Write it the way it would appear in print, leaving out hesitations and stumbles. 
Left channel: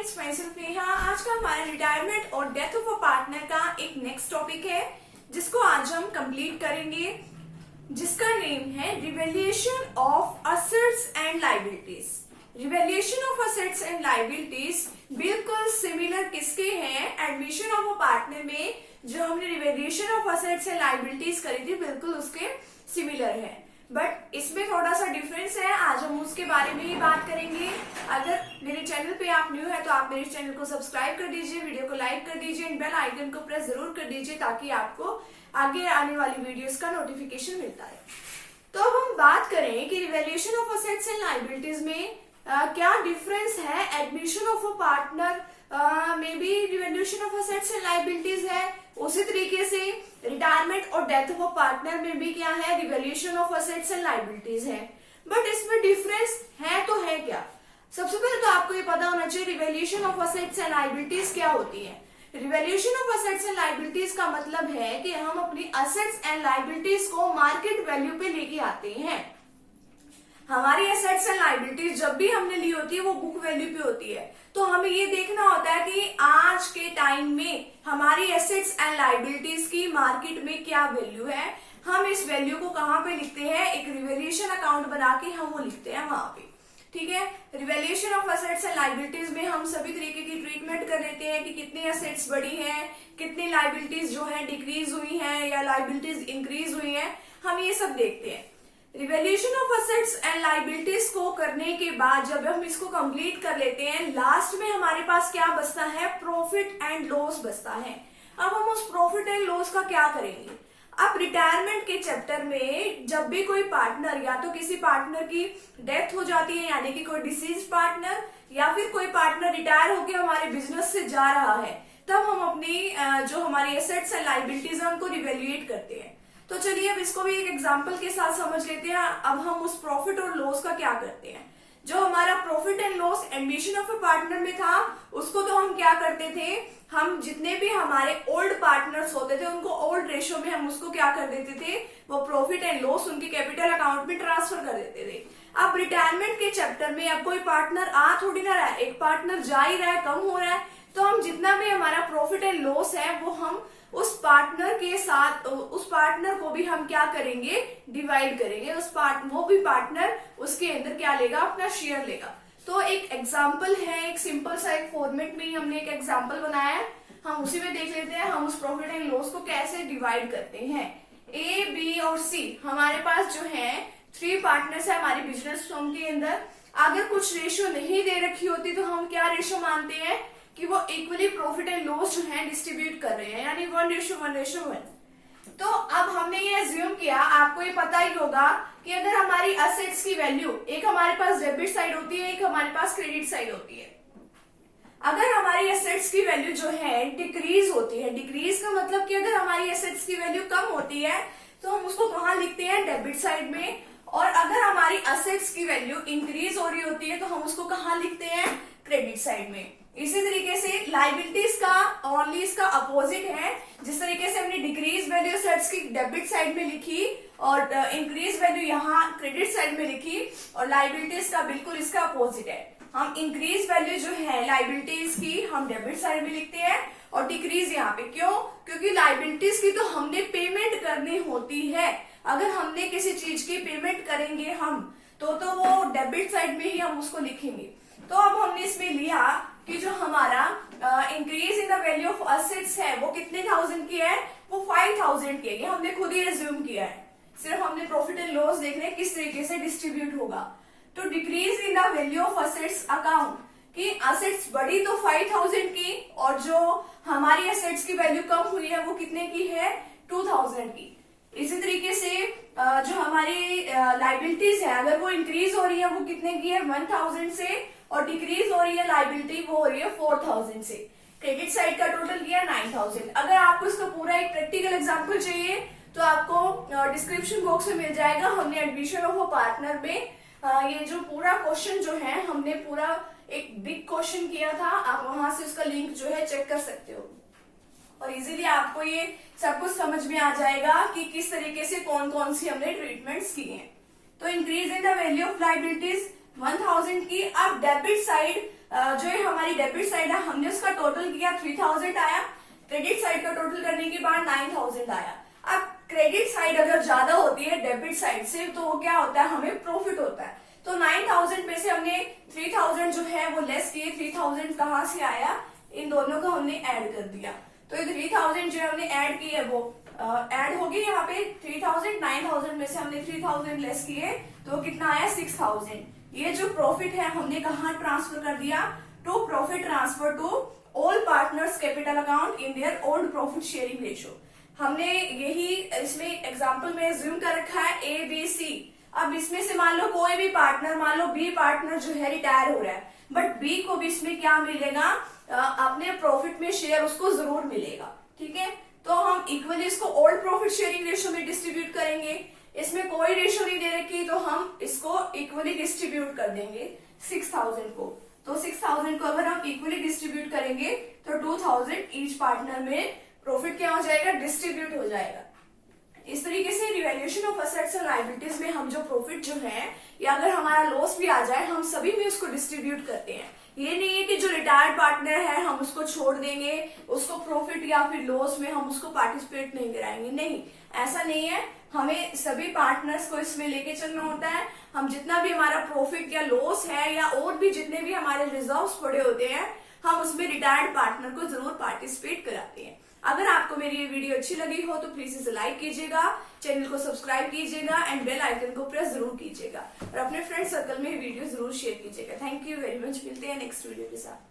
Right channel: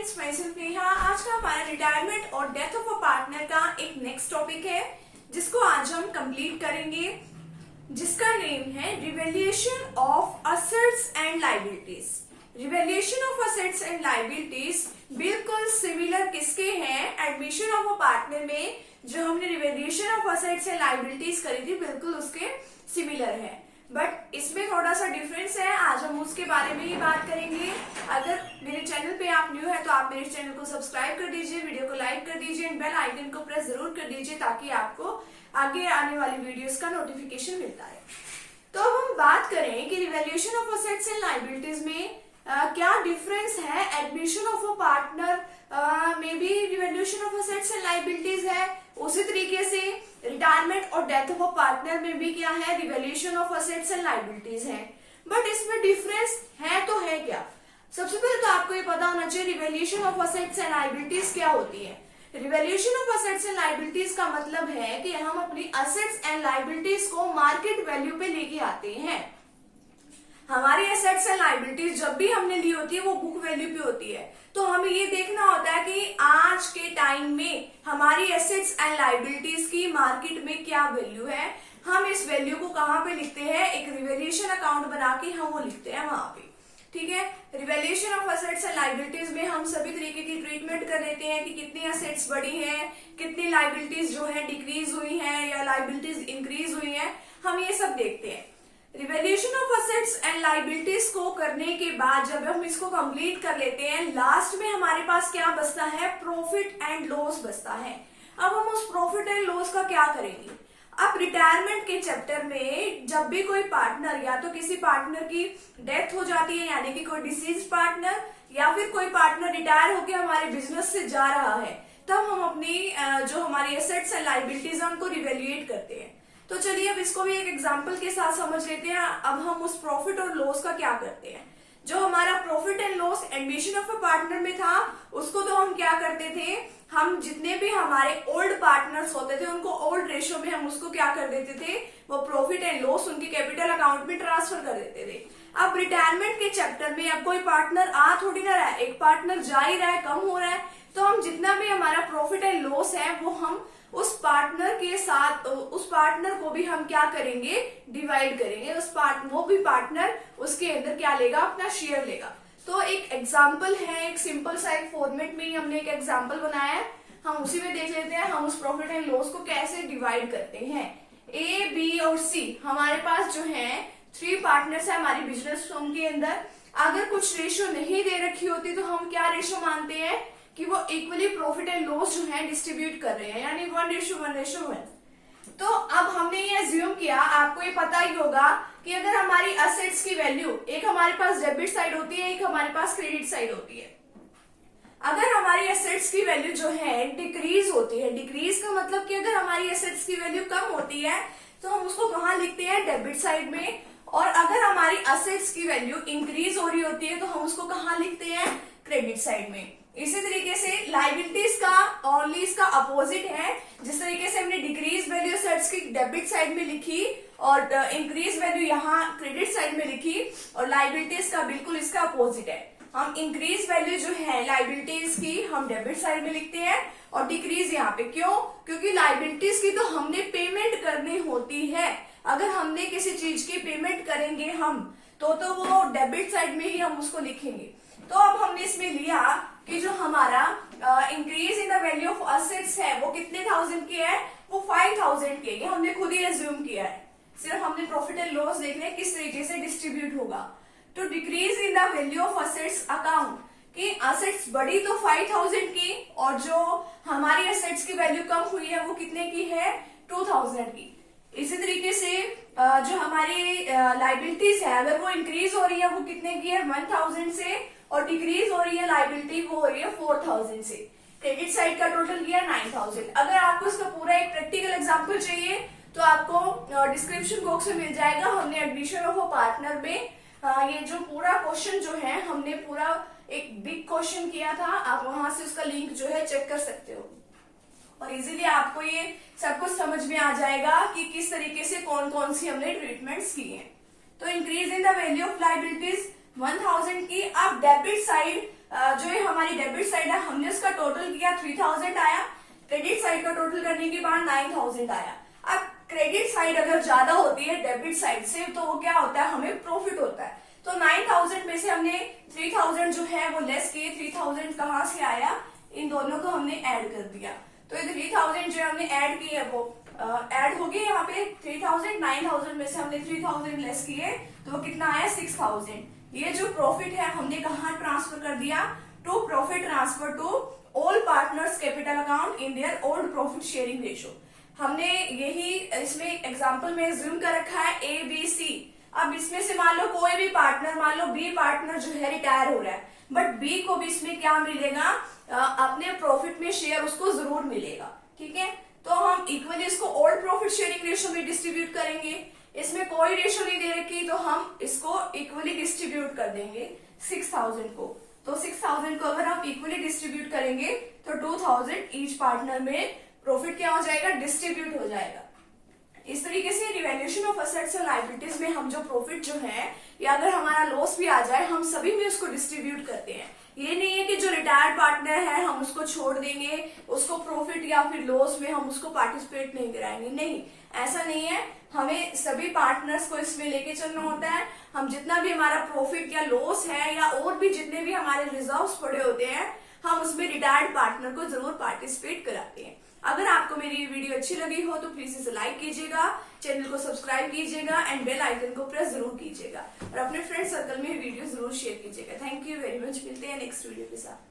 Friends, मैं सिर्फ नेहा। आज का हमारा रिटायरमेंट और डेथ ऑफ अ पार्टनर का एक नेक्स्ट टॉपिक है जिसको आज हम कंप्लीट करेंगे, जिसका नेम है revaluation of assets and liabilities. Revaluation of assets and liabilities बिल्कुल सिमिलर किसके हैं? एडमिशन ऑफ अ पार्टनर में जो हमने revaluation of assets and liabilities करी थी बिल्कुल उसके सिमिलर है, बट इसमें थोड़ा सा डिफरेंस है। आज हम उसके बारे में ही बात करेंगे। अगर मेरे चैनल पे आप न्यू है तो आप मेरे चैनल को सब्सक्राइब कर दीजिए, वीडियो को लाइक कर दीजिए एंड बेल आइकन को प्रेस जरूर कर दीजिए ताकि आपको आगे आने वाली वीडियोस का नोटिफिकेशन मिलता रहे। तो अब हम बात करें कि revaluation of assets and liabilities में क्या डिफरेंस है। एडमिशन ऑफ अ पार्टनर में भी revaluation of assets and liabilities है, उसी तरीके से रिटायरमेंट और डेथ ऑफ अ पार्टनर में भी क्या है? Revaluation of assets and liabilities है। बट इसमें डिफरेंस है तो है क्या? सबसे पहले तो आपको ये पता होना चाहिए revaluation of assets and liabilities क्या होती है। Revaluation of assets and liabilities का मतलब है कि हम अपनी असेट्स एंड लायबिलिटीज को मार्केट वैल्यू पे लेके आते हैं। हमारी एसेट्स एंड लायबिलिटीज जब भी हमने ली होती है वो बुक वैल्यू पे होती है, तो हमें ये देखना होता है कि आज के टाइम में हमारी एसेट्स एंड लायबिलिटीज की मार्केट में क्या वैल्यू है। हम इस वैल्यू को कहाँ पे लिखते हैं? एक रिवैल्यूएशन अकाउंट बना के हम वो लिखते हैं वहां पे। ठीक है, revaluation of assets and liabilities में हम सभी तरीके की ट्रीटमेंट कर लेते हैं कि कितनी एसेट्स बढ़ी हैं, कितनी लायबिलिटीज जो है डिक्रीज हुई हैं या लायबिलिटीज इंक्रीज हुई हैं, हम ये सब देखते हैं। Revaluation of assets and liabilities को करने के बाद जब हम इसको कंप्लीट कर लेते हैं, लास्ट में हमारे पास क्या बचता है? प्रॉफिट एंड लॉस बचता है। अब हम उस प्रॉफिट एंड लॉस का क्या करेंगे? अब रिटायरमेंट के चैप्टर में जब भी कोई पार्टनर या तो किसी पार्टनर की डेथ हो जाती है, यानी कि कोई डिसीज पार्टनर या फिर कोई पार्टनर रिटायर होकर हमारे बिजनेस से जा रहा है, तब हम अपनी जो हमारी एसेट्स एंड लायबिलिटीज है उनको रिवैल्यूएट करते हैं। तो चलिए अब इसको भी एक एग्जांपल के साथ समझ लेते हैं। अब हम उस प्रॉफिट और लॉस का क्या करते हैं। जो हमारा profit and loss admission of a partner में था उसको तो हम क्या करते थे, हम जितने भी हमारे ओल्ड पार्टनर्स होते थे उनको ओल्ड रेशियो में हम उसको क्या कर देते थे, वो प्रॉफिट एंड लॉस उनके कैपिटल अकाउंट में ट्रांसफर कर देते थे। अब रिटायरमेंट के चैप्टर में अब कोई पार्टनर आ थोड़ी ना रहा है, एक पार्टनर जा ही रहा है, कम हो रहा है, तो हम जितना भी हमारा प्रॉफिट एंड लॉस है वो हम उस पार्टनर के साथ, उस पार्टनर को भी हम क्या करेंगे? डिवाइड करेंगे। वो भी पार्टनर उसके अंदर क्या लेगा? अपना शेयर लेगा। तो एक एग्जाम्पल है, एक सिंपल सा एक फॉर्मेट में ही हमने एक एग्जाम्पल बनाया है, हम उसी में देख लेते हैं हम उस प्रॉफिट एंड लॉस को कैसे डिवाइड करते हैं। ए, बी और सी हमारे पास जो है 3 पार्टनर्स है हमारी बिजनेस फर्म के अंदर। अगर कुछ रेशियो नहीं दे रखी होती तो हम क्या रेशियो मानते हैं कि वो इक्वली प्रॉफिट एंड लॉस जो है डिस्ट्रीब्यूट कर रहे हैं, यानी 1:1:1। तो अब हमने ये एज्यूम किया, आपको ये पता ही होगा कि अगर हमारी असेट्स की वैल्यू, एक हमारे पास डेबिट साइड होती है, एक हमारे पास क्रेडिट साइड होती है। अगर हमारी एसेट्स की वैल्यू जो है डिक्रीज होती है, डिक्रीज का मतलब कि अगर हमारी एसेट्स की वैल्यू कम होती है तो हम उसको कहाँ लिखते हैं? डेबिट साइड में। और अगर हमारी असेट्स की वैल्यू इंक्रीज हो रही होती है तो हम उसको कहाँ लिखते हैं? क्रेडिट साइड में। इसी तरीके से लायबिलिटीज का ओनली इसका अपोजिट है। जिस तरीके से हमने डिक्रीज वैल्यू एसेट्स की डेबिट साइड में लिखी और इंक्रीज वैल्यू यहाँ क्रेडिट साइड में लिखी, और लायबिलिटीज का बिल्कुल इसका अपोजिट है। हम इंक्रीज वैल्यू जो है लायबिलिटीज की हम डेबिट साइड में लिखते हैं और डिक्रीज यहाँ पे। क्यों? क्योंकि लायबिलिटीज की तो हमने पेमेंट करनी होती है। अगर हमने किसी चीज की पेमेंट करेंगे हम तो वो डेबिट साइड में ही हम उसको लिखेंगे। तो अब हमने इसमें लिया कि जो हमारा increase in the value of assets है वो कितने थाउजेंड की है? वो 5000 की है। ये हमने खुद ही एज्यूम किया है, सिर्फ हमने प्रॉफिट एंड लॉस देखने किस तरीके से डिस्ट्रीब्यूट होगा। तो decrease in the value of assets account की असेट्स बढ़ी तो 5000 की, और जो हमारी असेट्स की वैल्यू कम हुई है वो कितने की है? 2000 की। इसी तरीके से जो हमारी लायबिलिटीज है अगर वो इंक्रीज हो रही है वो कितने की है? 1000 से, और डिक्रीज हो रही है लायबिलिटी वो हो रही है 4000 से। क्रेडिट साइड का टोटल किया 9000। अगर आपको इसका पूरा एक प्रैक्टिकल एग्जांपल चाहिए तो आपको डिस्क्रिप्शन बॉक्स में मिल जाएगा। हमने एडमिशन ऑफ अ पार्टनर में ये जो पूरा क्वेश्चन जो है हमने पूरा एक बिग क्वेश्चन किया था, आप वहां से उसका लिंक जो है चेक कर सकते हो और इजीली आपको ये सब कुछ समझ में आ जाएगा कि किस तरीके से कौन कौन सी हमने ट्रीटमेंट्स की हैं। तो increase in the value of liabilities 1000 की। अब डेबिट साइड जो ये हमारी डेबिट साइड है हमने उसका टोटल किया 3000 आया, क्रेडिट साइड का टोटल करने के बाद 9000 आया। अब क्रेडिट साइड अगर ज्यादा होती है डेबिट साइड से तो वो क्या होता है, हमें प्रॉफिट होता है। तो 9000 में से हमने 3000 जो है वो लेस किए। 3000 कहाँ से आया, इन दोनों को हमने ऐड कर दिया। तो ये 3000 जो हमने ऐड की है वो ऐड होगी यहाँ पे 3000। 9000 में से हमने 3000 लेस किए तो वो कितना आया 6000। ये जो प्रॉफिट है हमने कहाँ ट्रांसफर कर दिया, to profit transfer to all partners capital account in their old profit sharing ratio. हमने यही इसमें एग्जांपल में ज्यूम कर रखा है ए बी सी। अब इसमें से मान लो कोई भी पार्टनर, मान लो बी पार्टनर जो है रिटायर हो रहा है, बट बी को भी इसमें क्या मिलेगा, अपने प्रॉफिट में शेयर उसको जरूर मिलेगा। ठीक है, तो हम इक्वली इसको ओल्ड प्रॉफिट शेयरिंग रेशियो में डिस्ट्रीब्यूट करेंगे। इसमें कोई रेशियो नहीं दे रखी तो हम इसको इक्वली डिस्ट्रीब्यूट कर देंगे 6000 को। तो 6000 को अगर हम इक्वली डिस्ट्रीब्यूट करेंगे तो 2000 ईच पार्टनर में प्रॉफिट क्या हो जाएगा, डिस्ट्रीब्यूट हो जाएगा। इस तरीके से रिवैल्यूएशन ऑफ असेट्स और लायबिलिटीज में हम जो प्रॉफिट जो है या अगर हमारा लॉस भी आ जाए हम सभी में उसको डिस्ट्रीब्यूट करते हैं। ये नहीं है कि जो रिटायर्ड पार्टनर है हम उसको छोड़ देंगे, उसको प्रॉफिट या फिर लॉस में हम उसको पार्टिसिपेट नहीं कराएंगे, नहीं, ऐसा नहीं है। हमें सभी पार्टनर्स को इसमें लेके चलना होता है। हम जितना भी हमारा प्रॉफिट या लॉस है या और भी जितने भी हमारे रिजर्व्स पड़े होते हैं हम उसमें रिटायर्ड पार्टनर को जरूर पार्टिसिपेट कराते हैं। अगर आपको मेरी ये वीडियो अच्छी लगी हो तो प्लीज इसे लाइक कीजिएगा, चैनल को सब्सक्राइब कीजिएगा एंड बेल आइकन को प्रेस जरूर कीजिएगा और अपने फ्रेंड सर्कल में वीडियो जरूर शेयर कीजिएगा। थैंक यू वेरी मच, मिलते हैं नेक्स्ट वीडियो के साथ।